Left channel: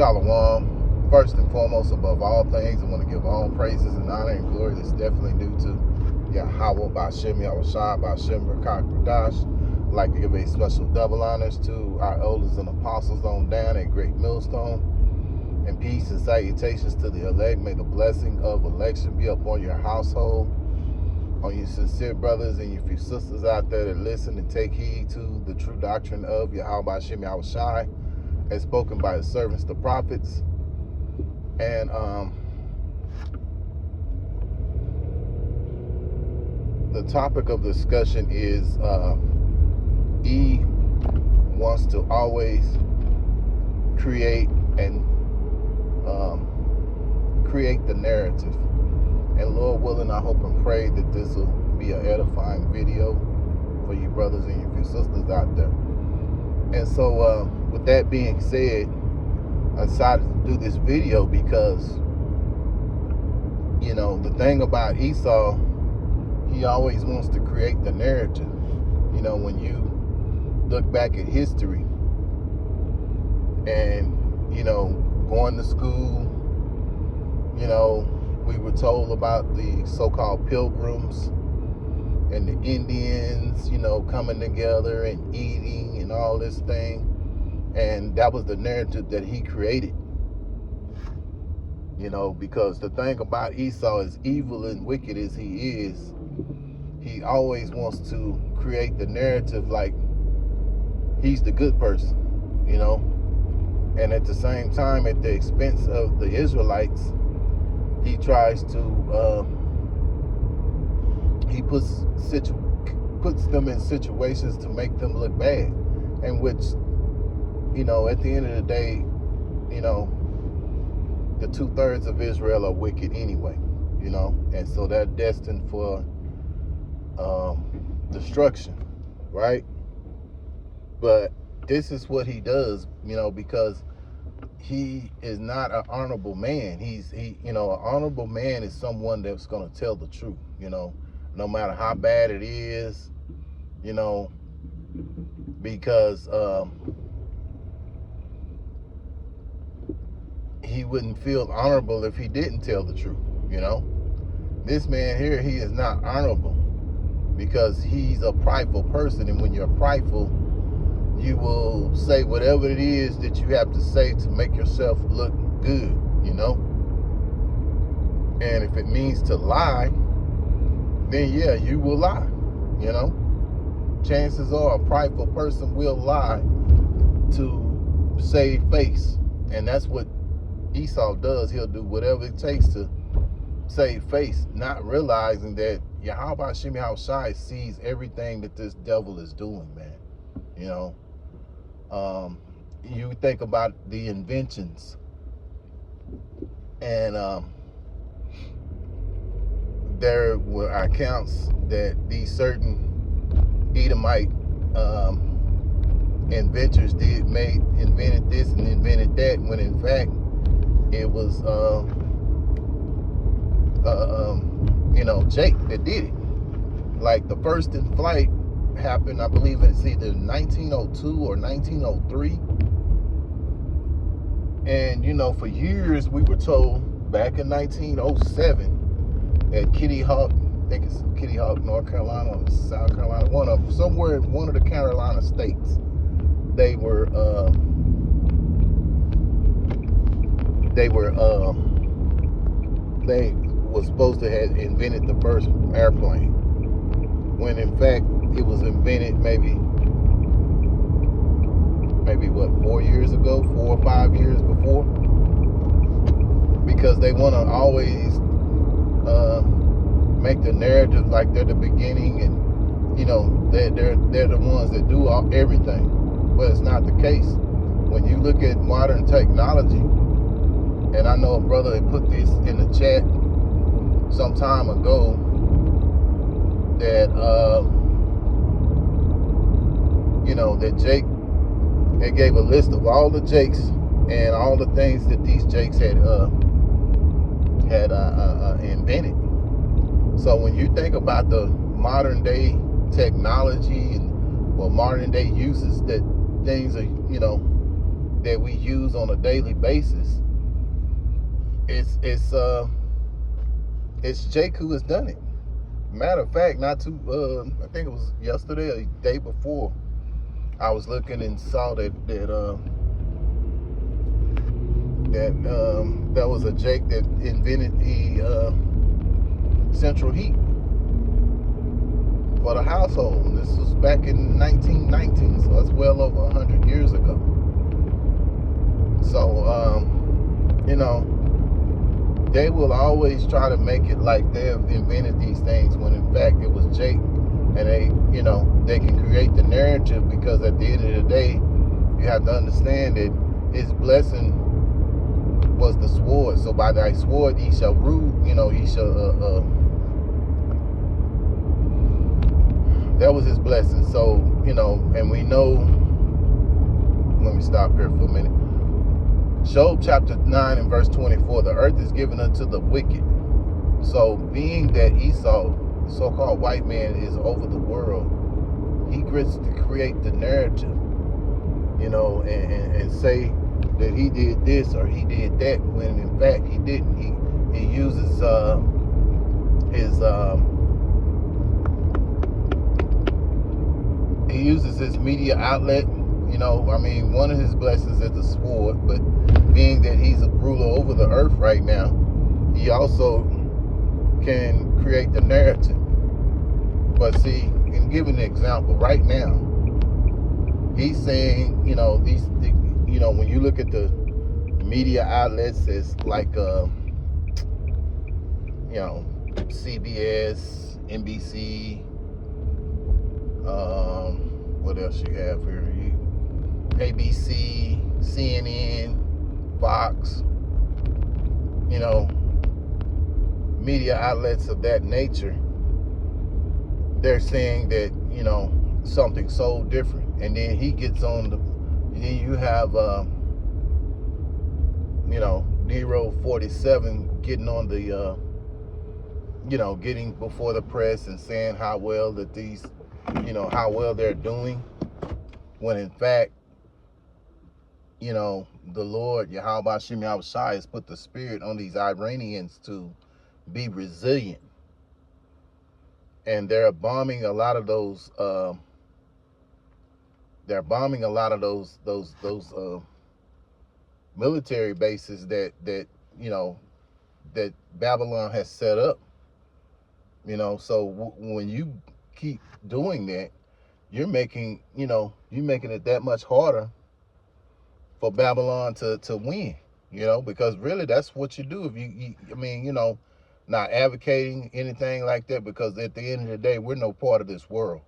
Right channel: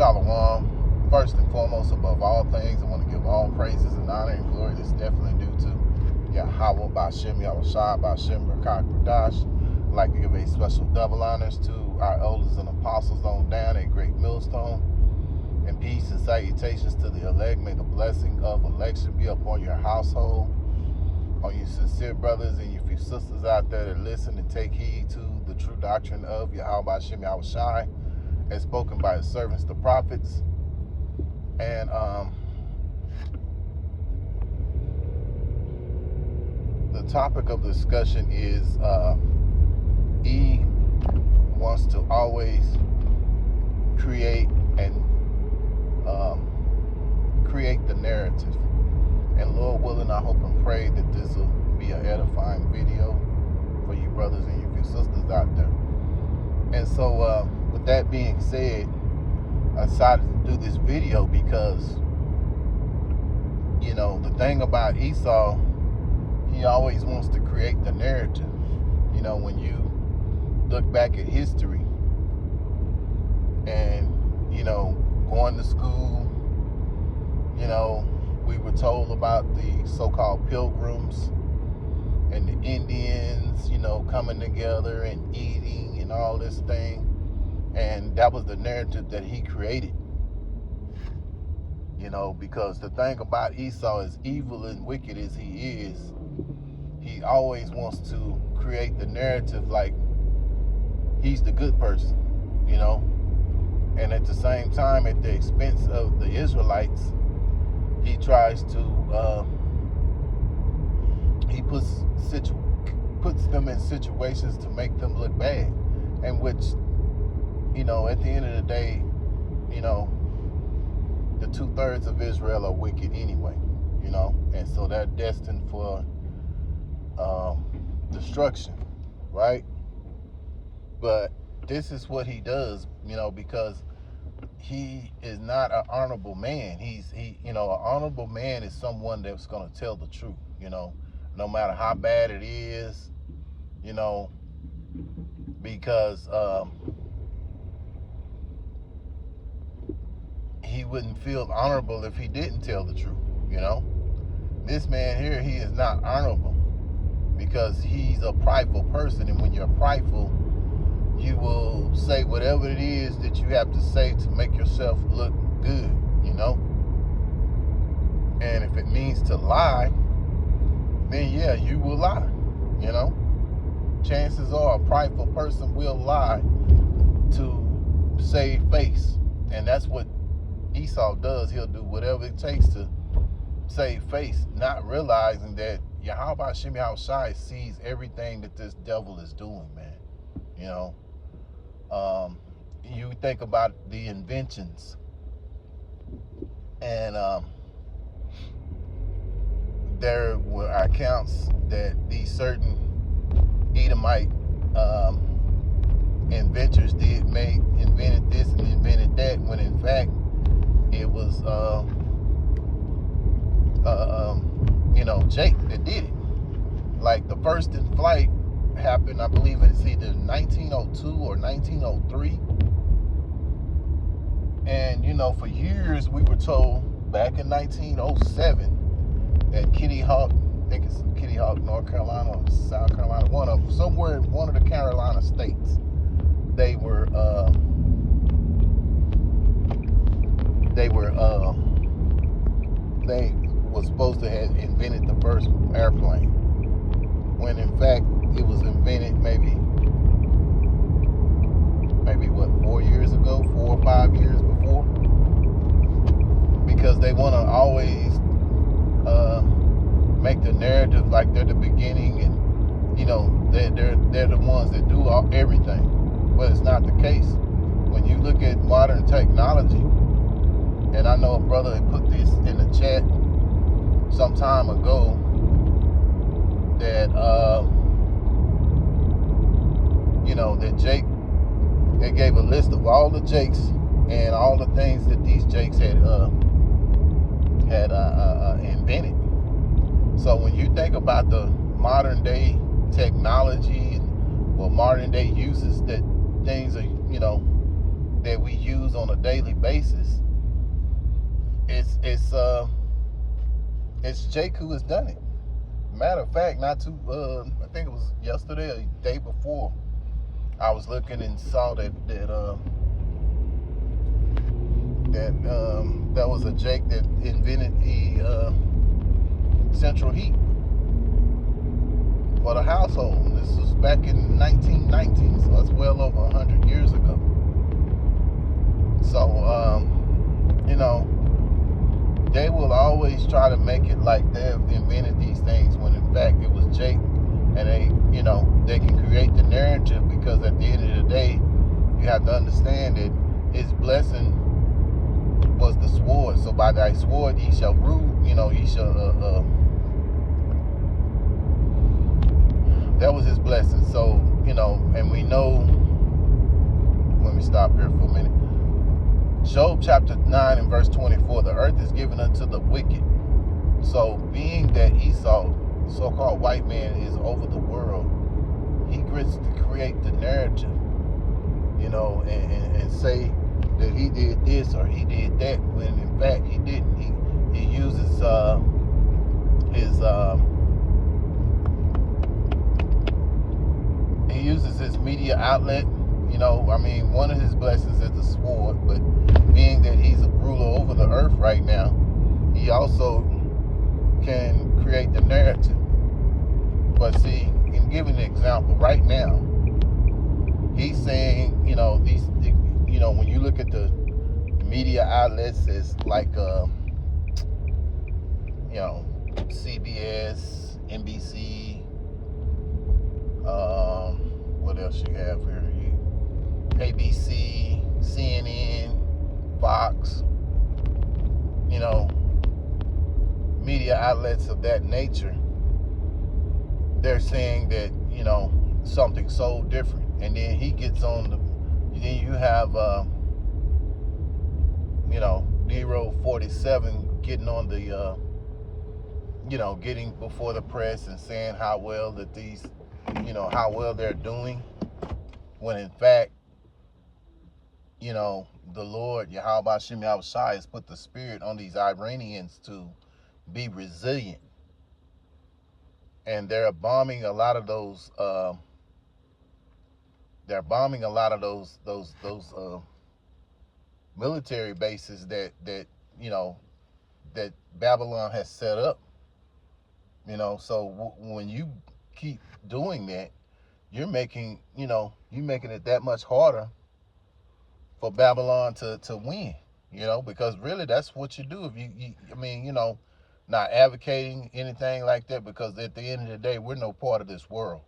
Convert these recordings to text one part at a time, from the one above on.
Shalom. First and foremost, above all things, I want to give all praises and honor and glory that's definitely due to Yahweh Ba'Shem Yahushua Ba'Shem B'Kach B'Dash. I'd like to give a special double honors to our elders and apostles on down at Great Millstone. And peace and salutations to the elect. May the blessing of election be upon your household, on you sincere brothers and your few sisters out there that listen and take heed to the true doctrine of Yahweh Ba'Shem Yahushua, as spoken by his servants, the prophets. And the topic of discussion is E wants to always create the narrative. And Lord willing, I hope and pray that this will be an edifying video for you brothers and your few sisters out there. And so with that being said, I decided to do this video because, you know, the thing about Esau, he always wants to create the narrative. You know, when you look back at history and, you know, going to school, you know, we were told about the so-called pilgrims and the Indians, you know, coming together and eating and all this thing. And that was the narrative that he created. You know, because the thing about Esau, as evil and wicked as he is, he always wants to create the narrative like he's the good person, you know. And at the same time, at the expense of the Israelites, he tries to, he puts them in situations to make them look bad, and which, you know, at the end of the day, you know, the 2/3 of Israel are wicked anyway, you know, and so they're destined for destruction, right? But this is what he does, you know, because he is not an honorable man. You know, an honorable man is someone that's going to tell the truth, you know, no matter how bad it is, you know, because he wouldn't feel honorable if he didn't tell the truth, you know. This man here, he is not honorable because he's a prideful person, and when you're prideful, you will say whatever it is that you have to say to make yourself look good, you know. And if it means to lie, then yeah, you will lie, you know. Chances are a prideful person will lie to save face. And that's what Esau does. He'll do whatever it takes to save face, not realizing that Yahweh Ba'Shem Yahushua sees everything that this devil is doing, man. You know, you think about the inventions, and there were accounts that these certain Edomite inventors invented this and invented that, when in fact it was you know, Jake that did it. Like the first in flight happened, I believe it's either 1902 or 1903. And you know, for years we were told back in 1907 at Kitty Hawk, I think it's Kitty Hawk, North Carolina or South Carolina, one of the Carolina states, they was supposed to have invented the first airplane, when in fact it was invented maybe what, 4 years ago, 4 or 5 years before, because they want to always make the narrative like they're the beginning, and you know, they're the ones that do everything. But it's not the case. When you look at modern technology, and I know a brother had put this in the chat some time ago, that you know, that Jake, they gave a list of all the Jakes and all the things that these Jakes had invented. So when you think about the modern day technology and modern day uses that things are, you know, that we use on a daily basis, it's Jake who has done it. Matter of fact, not too I think it was yesterday or the day before, I was looking and saw that was a Jake that invented the central heat for the household. And this was back in 1919, so that's well over 100 years ago. So you know, they will always try to make it like they've invented these things when in fact it was Jake. And they, you know, they can create the narrative, because at the end of the day, you have to understand that his blessing was the sword. So by thy sword ye shall rule, you know, ye shall that was his blessing. So, you know, and we know, let me stop here for a minute. Job chapter 9 and verse 24, the earth is given unto the wicked. So being that Esau, so-called white man, is over the world, he gets to create the narrative, you know, and say that he did this or he did that, when in fact he didn't. He uses his media outlet. You know, I mean, one of his blessings is the sword, but being that he's a ruler over the earth right now, he also can create the narrative. But see, in giving an example, right now, he's saying, you know, you know, when you look at the media outlets, it's like, you know, CBS, NBC, what else you have here? ABC, CNN, Fox, you know, media outlets of that nature. They're saying that, you know, something so different. And then he gets on then you have, you know, Nero 47 getting on the, you know, getting before the press and saying how well that these, you know, how well they're doing. When in fact, you know, the Lord, Yahweh Hashem Yahushua, has put the spirit on these Iranians to be resilient. And they're bombing a lot of those, military bases that you know, that Babylon has set up. You know, so when you keep doing that, you're making, you know, you're making it that much harder for Babylon to win, you know, because really that's what you do. If you I mean, you know, not advocating anything like that, because at the end of the day, we're no part of this world.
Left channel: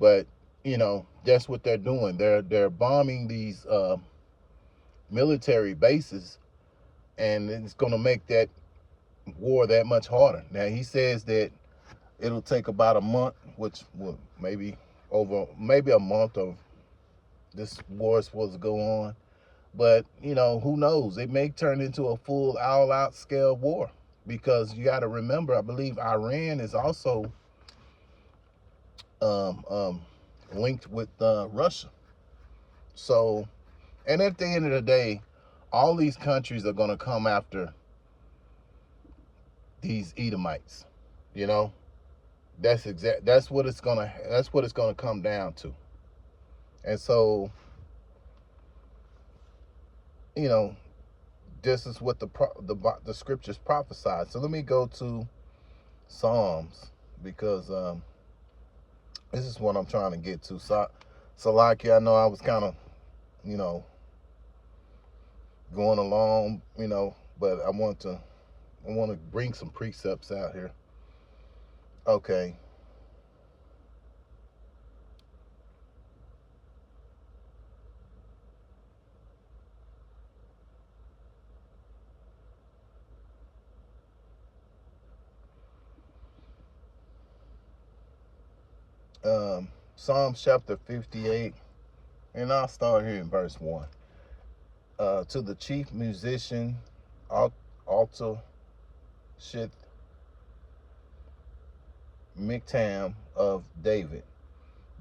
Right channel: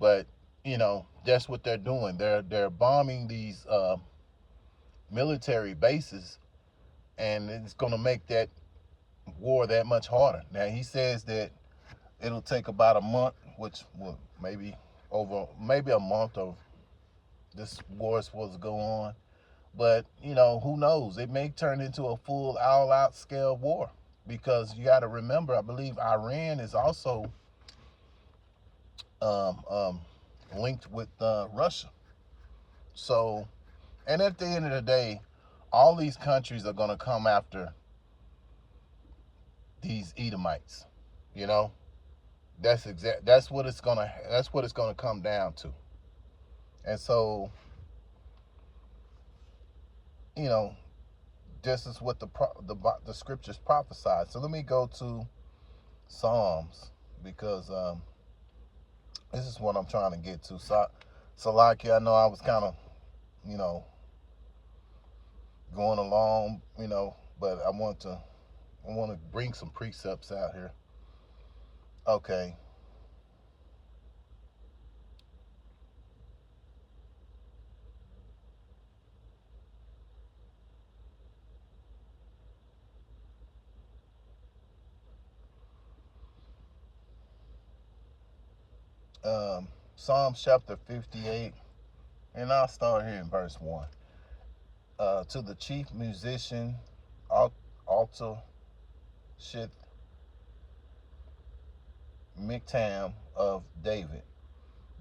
But, you know, that's what they're doing. They're bombing these military bases, and it's going to make that war that much harder. Now, he says that it'll take about a month, which will maybe a month of this war is supposed to go on. But, you know, who knows? It may turn into a full all-out scale war, because you got to remember, I believe Iran is also linked with Russia. So, and at the end of the day, all these countries are going to come after these Edomites. You know, that's what it's gonna come down to. And so, you know, this is what the scriptures prophesied. So let me go to Psalms, because this is what I'm trying to get to. So like, I know I was kind of, you know, going along, you know, but I want to bring some precepts out here. Okay. Psalms chapter 58, and I'll start here in verse 1. To the chief musician, Alta Shith Miktam of David,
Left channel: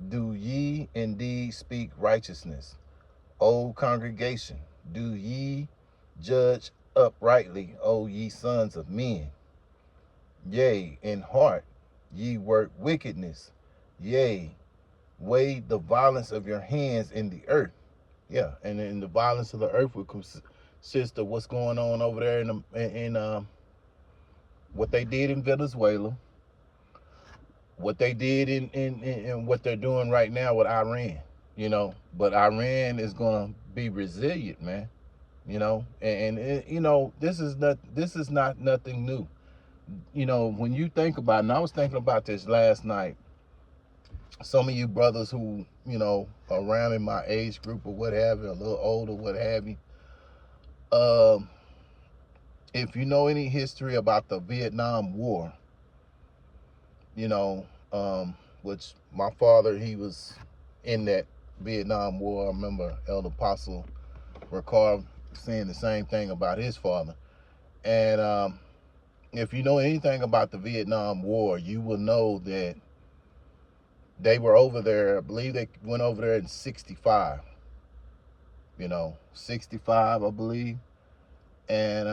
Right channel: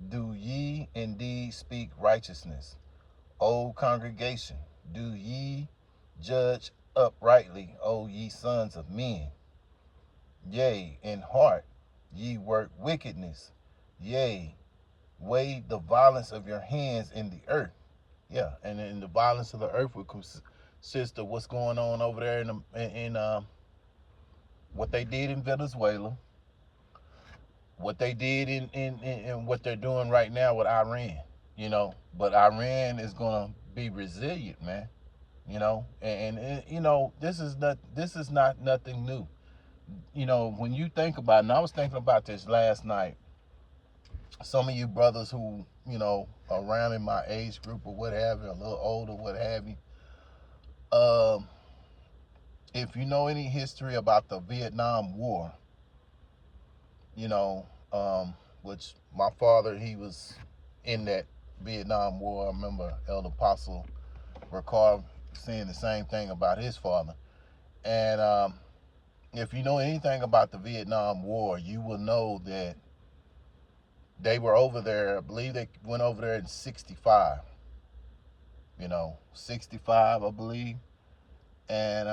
do ye indeed speak righteousness, O congregation, do ye judge uprightly, O ye sons of men? Yea, in heart ye work wickedness. Yea, weigh the violence of your hands in the earth. Yeah, and then the violence of the earth would consist of what's going on over there in what they did in Venezuela, what they did in what they're doing right now with Iran. But Iran is gonna be resilient, man. This is not nothing new. When you think about it, and I was thinking about this last night. Some of you brothers who, around in my age group or what have you, a little older, what have you, if you know any history about the Vietnam War, which my father, he was in that Vietnam War. I remember Elder Apostle Ricard saying the same thing about his father. And if you know anything about the Vietnam War, you will know that they were over there. I believe they went over there in 65. 65, I believe. And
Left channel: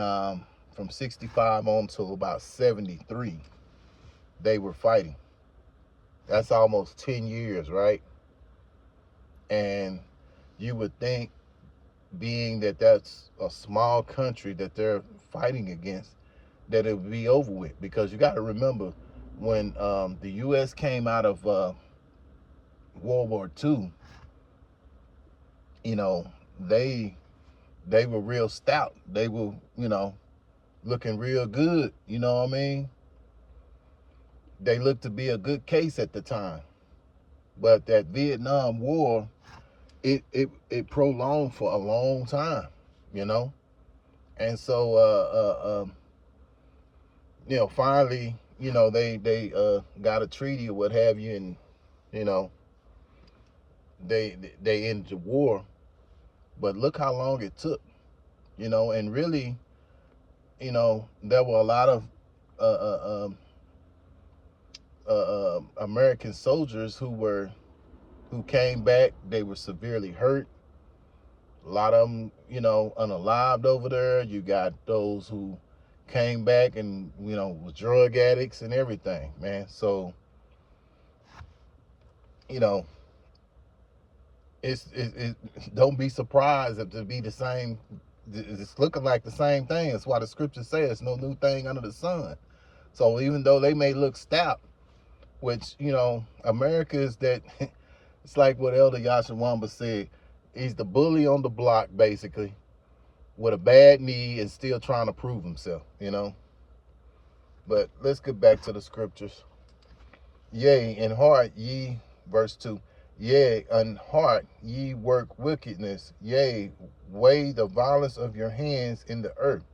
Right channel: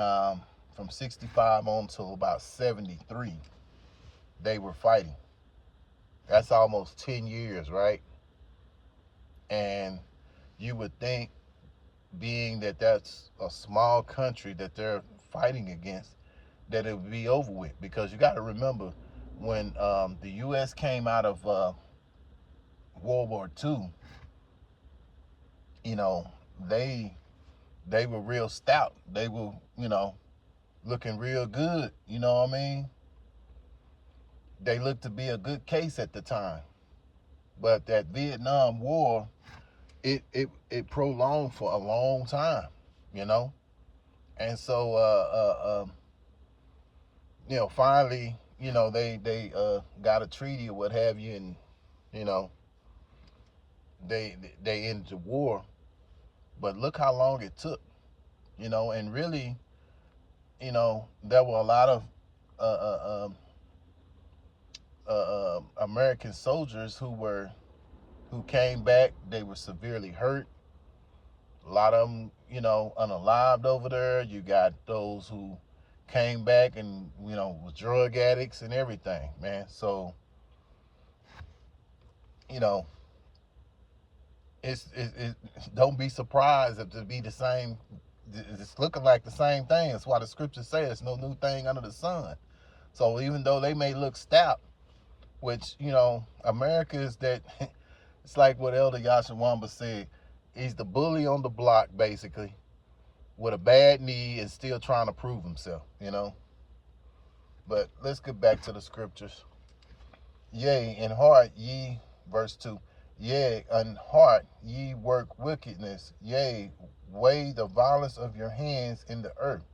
from 65 on till about 73, they were fighting. That's almost 10 years, right? And you would think, being that that's a small country that they're fighting against, that it would be over with. Because you got to remember, when the U.S. came out of World War II, they were real stout. They were, looking real good. You know what I mean? They looked to be a good case at the time. But that Vietnam War, it prolonged for a long time, And so, finally, they got a treaty or what have you, and they ended the war. But look how long it took, and really, there were a lot of American soldiers who came back. They were severely hurt. A lot of them, unalived over there. You got those who came back and, was drug addicts and everything, man. So, it don't be surprised if it be the same. It's looking like the same thing. That's why the scripture says no new thing under the sun. So even though they may look stout, which, America is that, it's like what Elder Yashawamba said. He's the bully on the block, basically, with a bad knee and still trying to prove himself, But let's get back to the scriptures. Yea, in heart ye, verse 2, yea, in heart ye work wickedness. Yea, weigh the violence of your hands in the earth.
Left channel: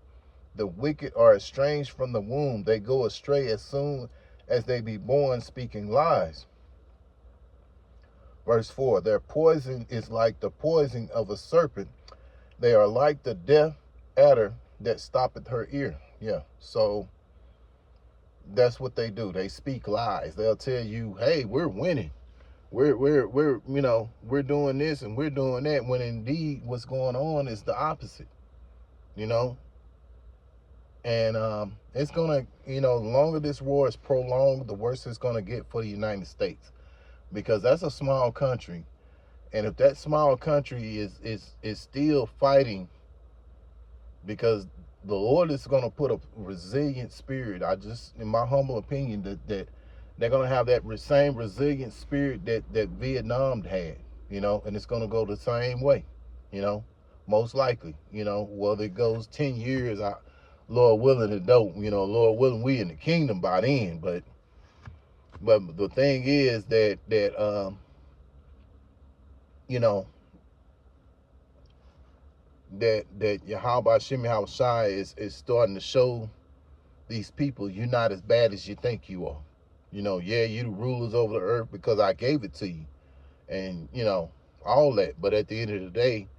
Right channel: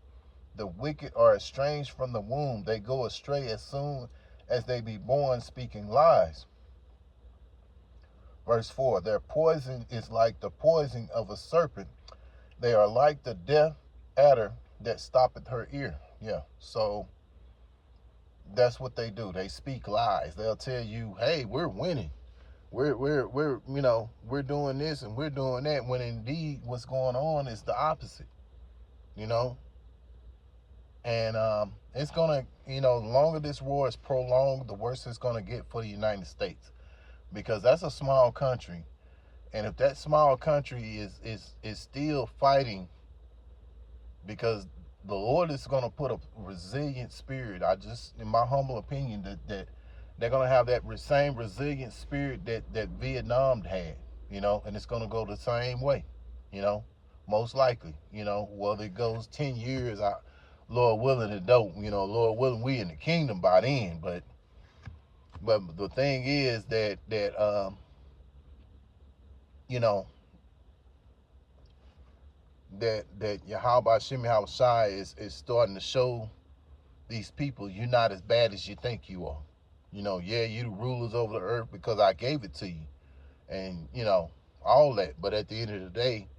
The wicked are estranged from the womb. They go astray as soon as they be born, speaking lies. Verse 4, their poison is like the poison of a serpent. They are like the deaf adder that stoppeth her ear. Yeah, so that's what they do. They speak lies. They'll tell you, hey, we're winning. We're doing this and we're doing that, when indeed what's going on is the opposite, And it's going to, the longer this war is prolonged, the worse it's going to get for the United States. Because that's a small country. And if that small country is still fighting, because the Lord is going to put a resilient spirit, in my humble opinion, that they're going to have that same resilient spirit that Vietnam had, and it's going to go the same way, most likely, whether it goes 10 years, Lord willing, it don't, Lord willing, we in the kingdom by then. But the thing is that that Yahweh Shem Shai is starting to show these people, you're not as bad as you think you are. Yeah, you the rulers over the earth because I gave it to you, and all that. But at the end of the day,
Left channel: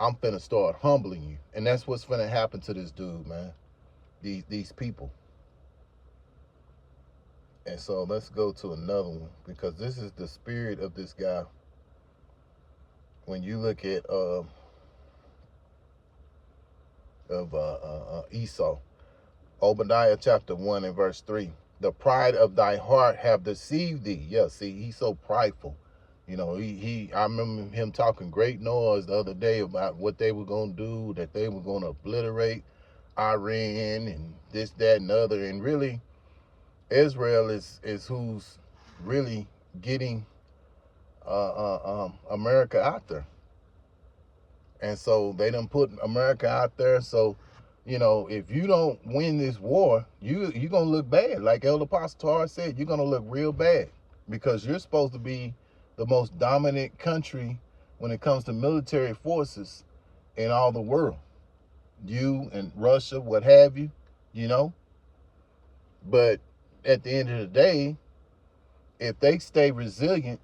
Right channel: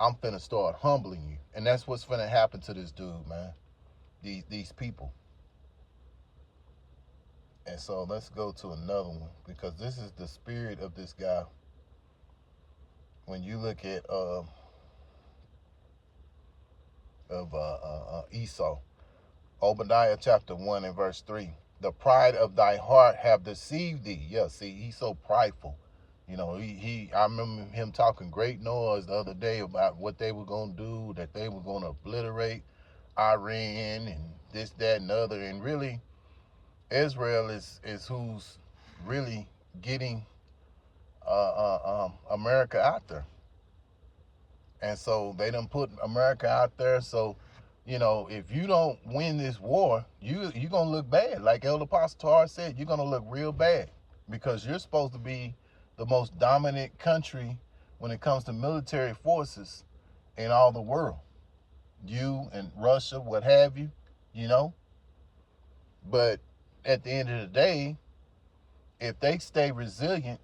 I'm finna start humbling you, and that's what's finna happen to this dude, man. These people. And so let's go to another one, because this is the spirit of this guy. When you look at Esau. Obadiah chapter 1 and verse 3. The pride of thy heart have deceived thee. Yeah, see, he's so prideful. You know, I remember him talking great noise the other day about what they were going to do, that they were going to obliterate Iran and this, that, and the other. And really, Israel is who's really getting America out there. And so they done put America out there. So, you know, if you don't win this war, you're going to look bad. Like Elder Apostle Tar said, you're going to look real bad, because you're supposed to be the most dominant country when it comes to military forces in all the world. You and Russia, what have you, you know. But at the end of the day, if they stay resilient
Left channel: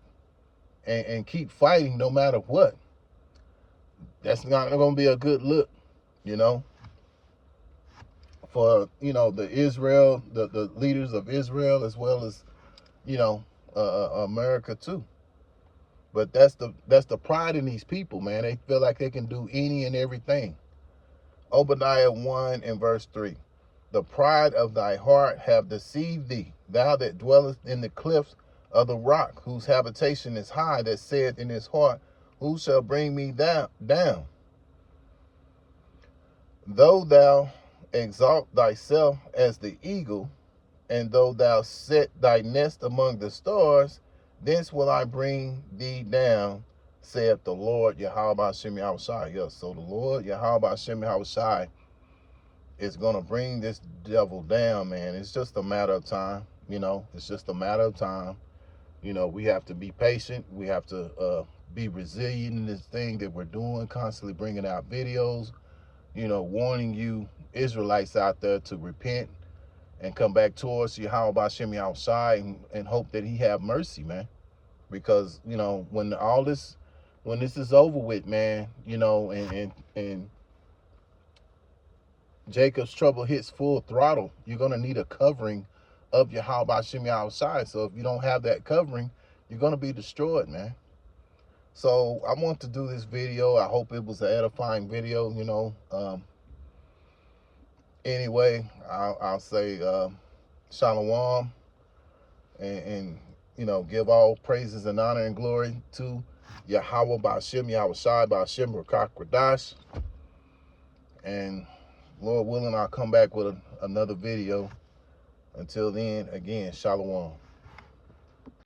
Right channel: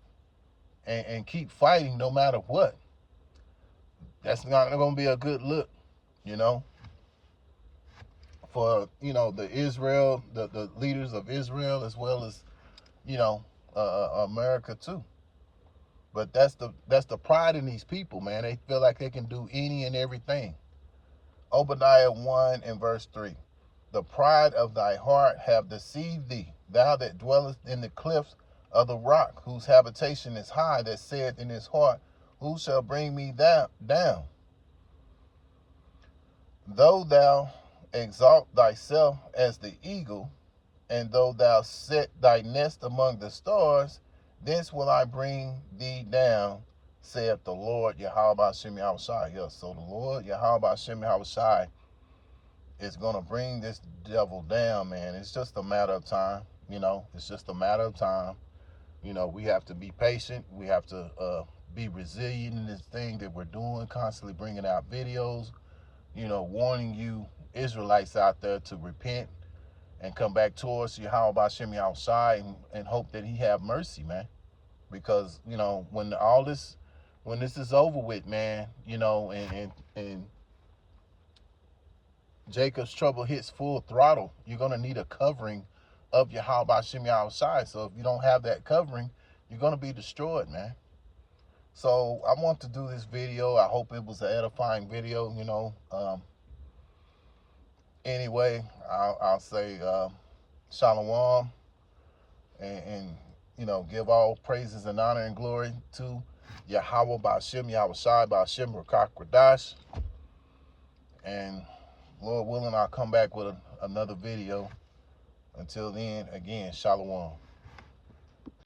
and keep fighting no matter what, that's not going to be a good look, you know, for, you know, the leaders of Israel, as well as, you know, America too. But that's the pride in these people, man. They feel like they can do any and everything. Obadiah 1 and verse 3. The pride of thy heart have deceived thee, thou that dwellest in the cliffs of the rock, whose habitation is high, that said in his heart, who shall bring me down? Though thou exalt thyself as the eagle, and though thou set thy nest among the stars, thence will I bring thee down, saith the Lord Yahweh Hashem Yahushai. Yes, so the Lord Yahweh Hashem Yahushai is going to bring this devil down, man. It's just a matter of time, you know. It's just a matter of time. You know, we have to be patient. We have to be resilient in this thing that we're doing, constantly bringing out videos, you know, warning you Israelites out there to repent and come back towards Yahweh Hashem Yahushai and hope that he have mercy, man. Because, you know, when this is over with, man, you know, and Jacob's trouble hits full throttle, you're going to need a covering of Yahweh Hashem Yahushai. So if you don't have that covering, you're going to be destroyed, man. So I want to do this video. I hope it was an edifying video, you know. Anyway, I'll say shalom, and you know, give all praises and honor and glory to Yahweh Ba'ashem Yahushai Ba'ashem Rakak Radash. And Lord willing, I'll come back with another video. Until then, again, shalom.